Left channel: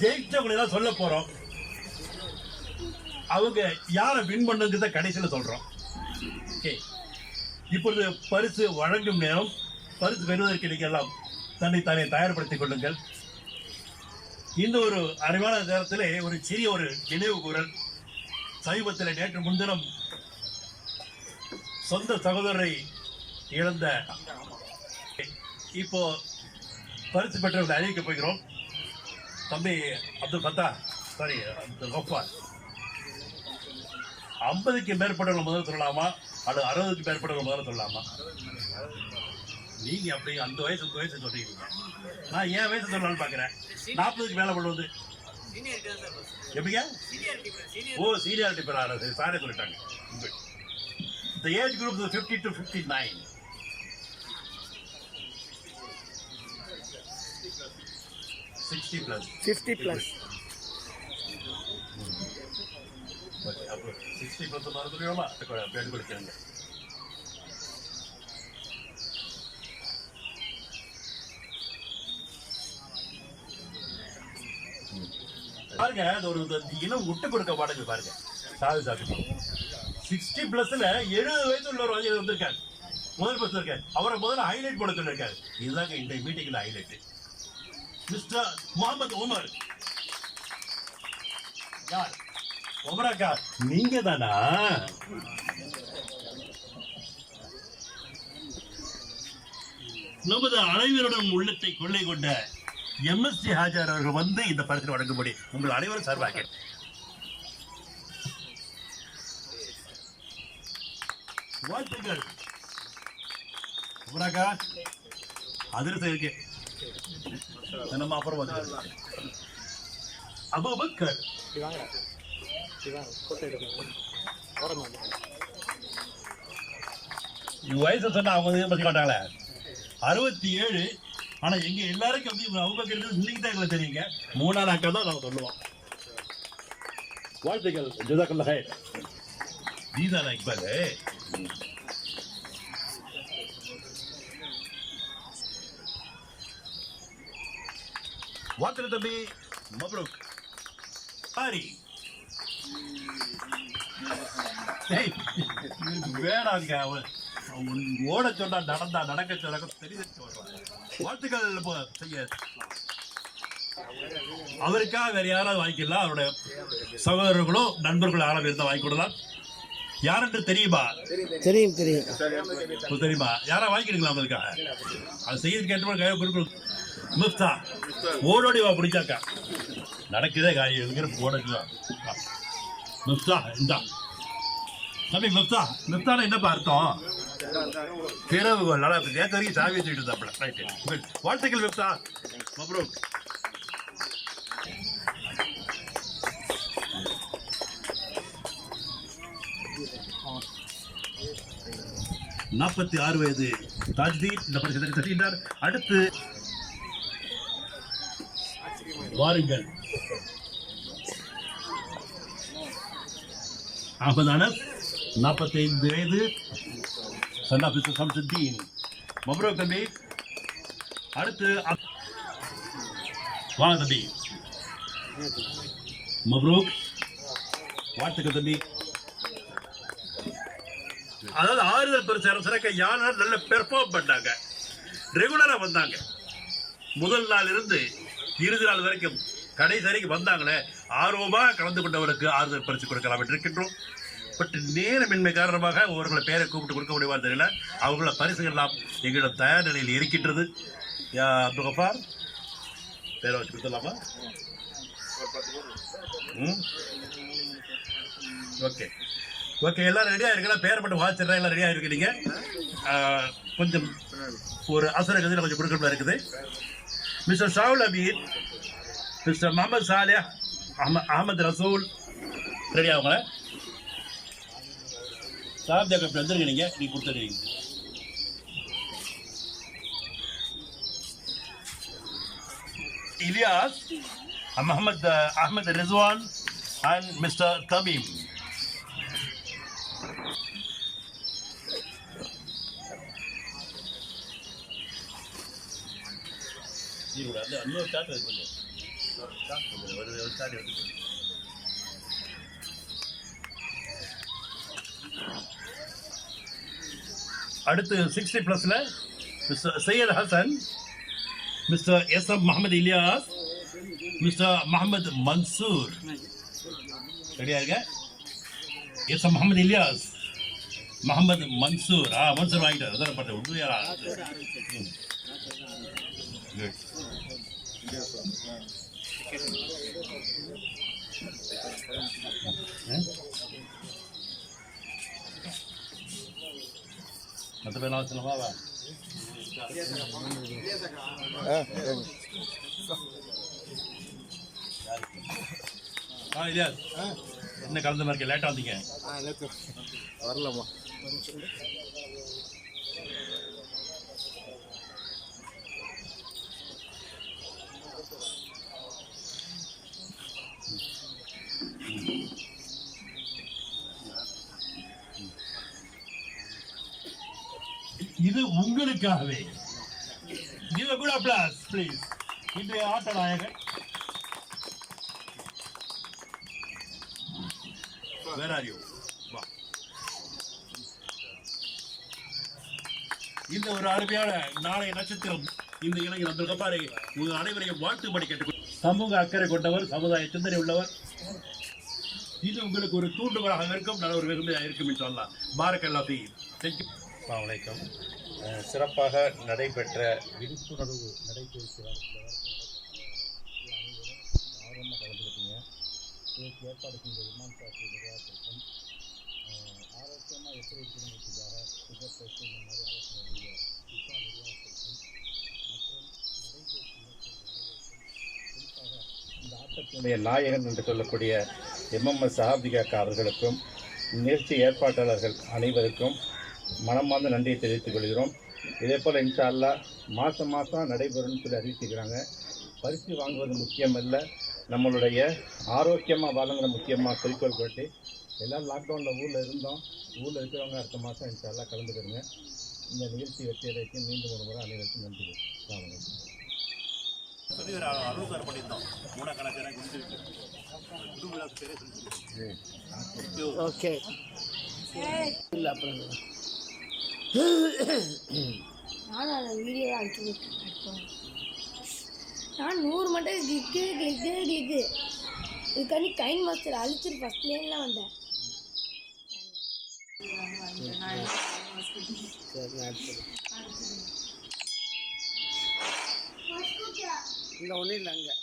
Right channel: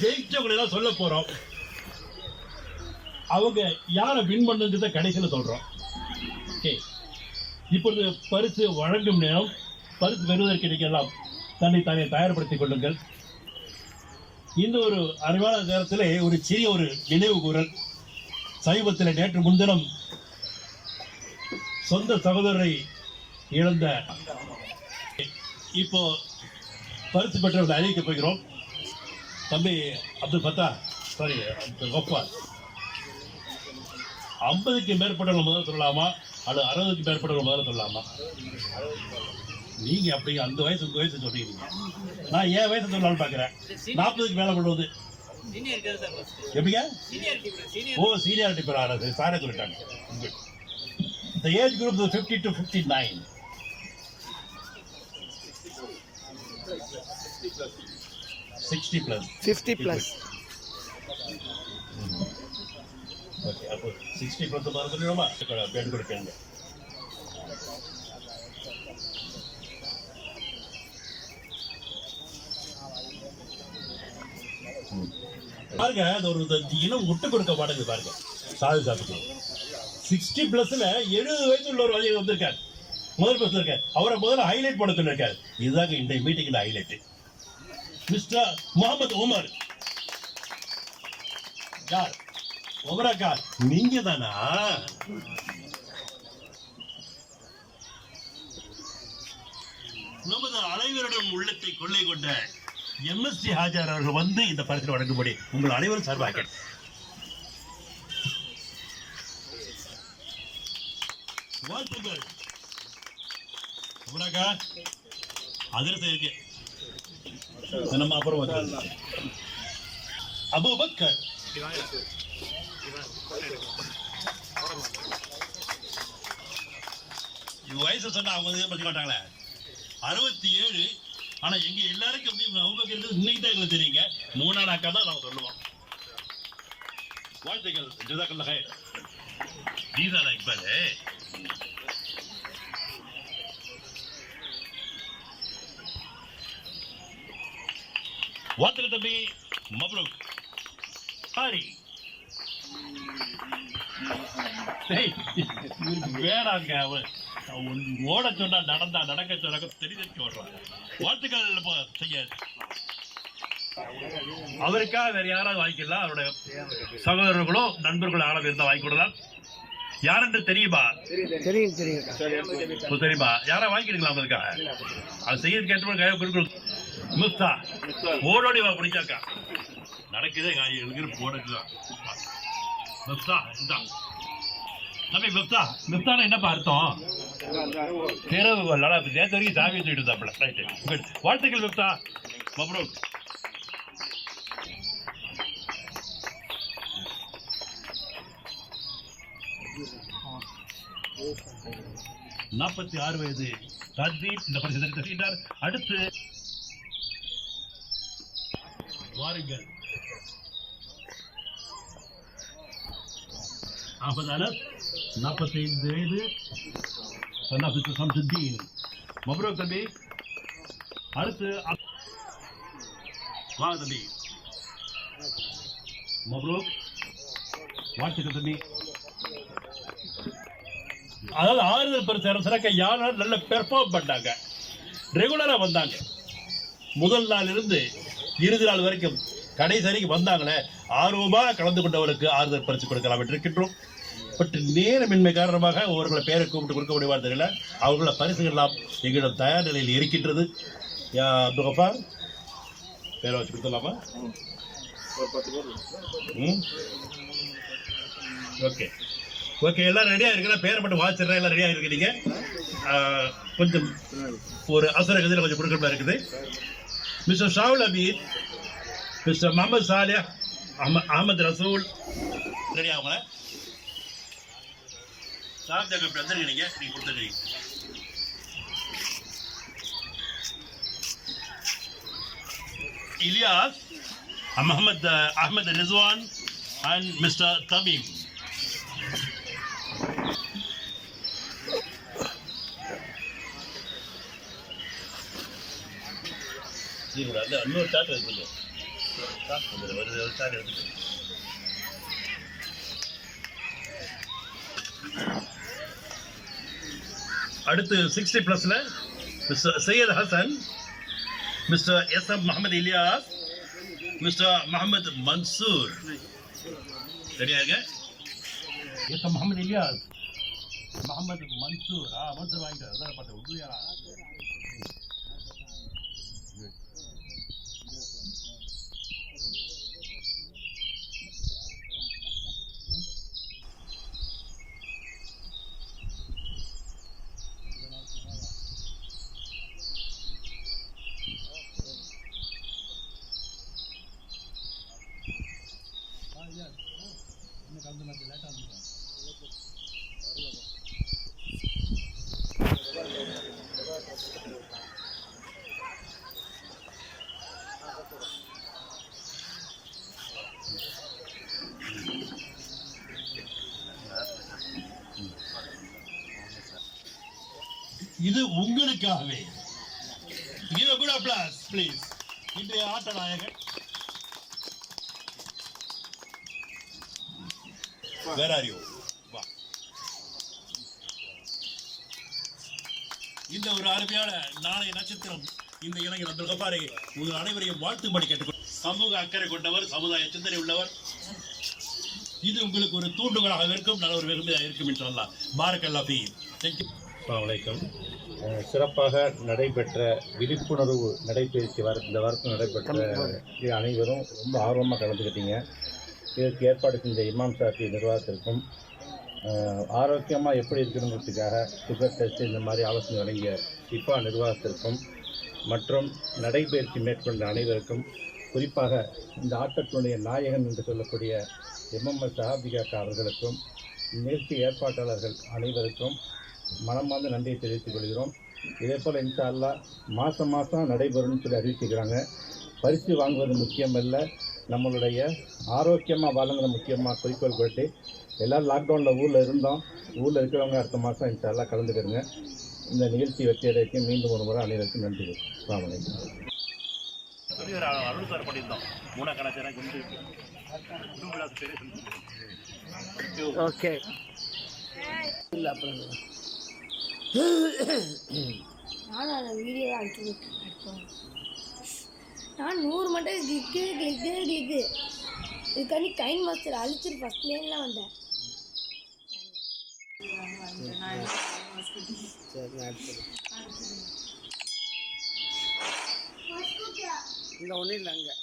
ஜெயிச்சவங்களை எல்லாம் சொல்ல போகிறோம் அவங்க யாரை வின் பண்ணுங்கிறத கடைசியில் சொல்கிறோம் ஓகே இப்பொழுது பரிசு வழங்கும் நேரம். பரிசு பெறுவதற்கு நீங்கள் எல்லாம் தன்னை தானே தயார்படுத்திக் கொள்ளுங்கள். இந்த ஒரு அறிவான நேரத்தில் ஒரு சிறிய ஒரு நினைவு கூறல். சமீபத்தில் நேற்று முன்தினம் சொந்த சகோதரரை இழந்த. இப்போ பரிசு பெற்றவர்களை அறிவிக்கப் போகிறோம். தம்பி அப்துல் ஃபத்தா சாரி அப்துல் கஃபார். ஐம்பதுக்கு மேற்பட்டவங்க முதல்ல சொல்லலாமா? அல்லது அறுபதுக்கு மேற்பட்டவங்க முதல்ல சொல்லலாமா? நீங்கள் அப்படி அந்த வயசு இந்த வயசு சொல்லிக்கிறீங்க நான் என் வயசு சொல்லலாம்னு பார்க்குறேன். நாற்பதுக்கு மேலே பண்ணுவது எப்படிங்க? ஓ சீனியாரிட்டி பேர் ஆனது சாரே சொல்லிட்டாங்க. இந்த age group fifty to fifty nine Sixty plus. Fifty plus okay அப்போ சிக்ஸ்டி ப்ளஸ் மறந்துடுவோமா பேட் கொடுக்கணுங்க பாருங்க அது ஒரு இனம் விட்டு கொடுக்க மாட்டேங்குது பாருங்க சாதி சாதிக்கு சிக்ஸ்டி பிளஸ்ல எழுபது வயசு உள்ள ஒரு வயது வந்திருக்காரு முதல் பஸ்ல இருக்காரு அவரை முதல்ல ஹைலைட் பண்ண சொல்லியிருக்காரு இதுதாங்க இன்றைய மீட்டிங்ல ஹைலைட் மிஸ்டர் முகமது உமர். யார்? உமராக்கா நீங்க தானா? நமது அனைவருடன் உள்ளத்தை கொள்ளை கொண்ட எம்எஸ்சி ஹாஜர் அவர்கள் வந்து இந்த பரிசு வழங்கும்படி உங்கள் அனைவரும் சார்பாக வாழ்த்துக்கள். உமராக்கா அதிரசம் இருக்கு. நம்ம அப்புறம் வந்து அபுபக்கர் இவங்க வயசு சொன்னா அவங்க வந்து பத்தி காட்டாங்களே அறுபத்தி ஏழு ஆனா எங்க எல்லாருக்கும் வந்து இவங்க அபுபக்கர் இன்னைக்கு தான் எங்களுக்கு தெரியுங்க? மூணாம் அக்கா தான் நம்ம சொல்லுவோம். வாழ்த்துக்கள். ஜுதாக்கல்ல ஹே ஜீதா இக்பாலு வாழ்த்துக்கள் தம்பி மப்ரூக் இவருக்கு வேணாங்க ஓட சொன்னா நடந்தா நடக்க சொன்னாக்க தெரிஞ்சு ஓடுறான். வாழ்த்துக்கள் செய்ய. அவருக்காக வேற யாராவது வாங்கிக்கலாம் அவருடைய சகோதரர்களோ நண்பர்களோ யாராவது இருந்தால் வாங்கி கொடுக்கலாம். யாரென்று தெரியுமா? தெரியும் தெரியும். தெரியுமா? யாரா வாங்கிக்கிறீங்களா அவங்களுக்காக அது செய்யறது கேட்டு கையை கொடுக்கணும் மிஃப்தா ஓடோடி வா பிடிச்சாக்கா. நடக்குதே காய் எழுகிற ஓடக்கு மிஃப்தா இந்தா. தம்பி மிஃப்தா மிஃப்தானா என்னப்பா அர்த்தம்? திறவுகோல் நல்லா இருக்கு நேற்று வரைக்கும் சாவி வச்சுக்கிட்டு இருந்தாப்புல. ரைட்டு வாழ்த்துக்கள் மிஃப்தா. மப்ரூக் நாற்பத்தி ஆறு வயது தாஜ்தீன் இந்த பரிசு தருகின்றார் அடுத்து வாருங்கள். அகமது அனஸ் நாற்பத்தைந்து வயது சன்னாபிசு சம்சுத்தீன். மப்ரோ தம்பி அடுத்து வாங்க தம்பி. மப்ரூக் வாழ்த்துக்கள் தம்பி. அதாவது ஆறுதல் பரிசு சிறக்க யானை நல்ல பெர்ஃபார்ம் பண்ணாங்க? ரெகுலராக வந்தாங்க. முதல் நாள் இருந்து இறுதி நாள் வரைக்கும் கடைசி வரைக்கும் வந்தாங்களே ஆர்வமாக கலந்து கொண்டவருக்கு ஆறுதல் பரிசு கொடுக்கலாம் என்று இருக்கின்றோம். பட் நேரமின்மை காரணமாக அவர்களை பேரை கூப்பிட்டு கொடுக்க முடியுமா தெரியல. அவர்கள பரிசுகள் எல்லாம் எங்களிடம் தயார் நிலையில் இருக்கின்றது. யா அப்துல் கஃபார் பேரை வச்சு கொடுத்துடலாமா? ஓகே. ஓகே எல்லாம் ரெடியாக இருக்கிறா பேரை மட்டும் வாசிடுறேன் எல்லாம் ரெடியாக இருக்கிறீங்க கொஞ்சம் ஒரு அவசர கதையில் கொஞ்சம் கொடுக்கணுமா இருக்குது? மிஸ்டர் ஷாவுல் அபீத் மிஸ்டர் முகமது சாலியா அஹம- அகமது ரசூல் ரெடி ஆகுங்களா சாப் ஜாக்கப் வந்துருங்க நீங்கள் நீங்கள் கொடுத்துருக்கீங்க Ilyas Mohammed Ahmed Rizwan and Mister Tabim இன்னொரு டாட்டா இருக்கு ஒரு ஒரு ஒரு சாட் எடுத்துட்டு அடுத்து சிக்ஸ்டி ப்ளஸில் mister Syed Hasan mister S M Mohammed Ilyas mister Mohammed Mansoor ரெடியா இருக்க எஸ் எம் முகமது இலியாஸ் முகமது மன்சூர் ஆ மன்சூர் வாங்கிட்டார் அதான் பார்த்தேன் குட் மற்ற பேர்லாம் சொல்லவா வா ஆ இலியாஸ் என்ன கலந்த மாதிரி இருக்கு லேட்டாக வந்தீங்க வரலாமா இது உங்களுக்காகவே. இது கூட அப்ளாஸ் ப்ளீஸ் இன்றைய ஆட்ட நாயகன் வேற இந்த ஒரு அருமையான நாளைய நட்சத்திரம் இந்த இளைஞர் அந்த கபாரை உங்கள் அனைவரையும் வாழ்த்தும்படி கேட்டுக்கொள். சமூக அக்கறை கொண்டவர் சமுதாய சிந்தனை உள்ளவர். இது உங்களுக்கு ஒரு தூண்டுகோலாக இருக்கும். நல்ல ஒரு வெகுமையாக இருக்கும் என்று சொல்லலாம். பாரக்கல்லா ஃபீ தேங்க்யூ வணக்கம் சிறப்பாக நடைபெற்ற விழிப்புணர்வு நடைபயிற்சி வார இந்த வாரத்தில் நடைபெற்ற அனைவரும் ரொம்ப ஆர்வமாக கலந்துக்கிட்டீங்க. இதற்கு ஏற்பாடு செஞ்ச இமாம் சாத்தி நிர்வாகத்திற்கும் ஆரோக்கியமாக எப்படி இருக்கணுங்கிறதுக்காக சுகர் டெஸ்ட் இந்த மாதிரி ஆலோசனை வழங்கிய சிப்பா நிர்வாகத்திற்கும் மற்றும் நடைபயிற்சி மேற்கொண்ட அனைவருக்கும் குறிப்பாக இந்த ஆட்டத்தினுடைய நாயகன் என்று சொல்லக்கூடிய எம்எம்எஸ் சஹாபிகாக்கா அவர்களுக்கும் நிகழ்ச்சி ஏற்பாட்டாளர்கள் அனைவருக்கும் மனமார்ந்த நன்றியை தெரிவித்துக் கொள்கிறோம். இதே போல் இன்ஷா அல்லாஹ் மாதம் மாதம் நடைபெறும்னு சொல்லி அறிவிச்சுக்கிறாங்க பரிசு வாங்குவது முக்கியமல்ல. நம்மளுடைய ஆரோக்கியமாக வாழுங்கிற முக்கியமாக குறிக்கோள் கொண்டு எல்லோரும் லாக்டவுனில் ஊரில் இருந்தோம். ஊரில் இருக்கிறவங்க அடுத்த மாதம் இன்ஷா அல்லாஹ் கலந்துக்கிறங்க. இந்த நிகழ்ச்சி வெற்றி அடைக்கு மீண்டும் ஒரு முறை அனைவருக்கும் நன்றி. அஸ்ஸலாமு அலைக்கும். சொல்லி ஒரு அறுபது சார் பண்ணியிருந்தோம். மூணா கணக்கு குண்டு குண்டு விழா பேரே சொல்லி ஓகே இல்லை அப்புறம் நானும் அந்த வீடியோ தான் அனுப்பிச்சு விட்டேன் நான் நூறு மட்டும் கிளிக்கு கிளிக்கு கிளிக்கு இதுக்காண்டி கைன் மாஸ்டர் அழிச்சிரு. ஃபஸ்ட் லேன்லாம் வந்தேன் இங்கே ஒன்றும் இல்லை அங்கே.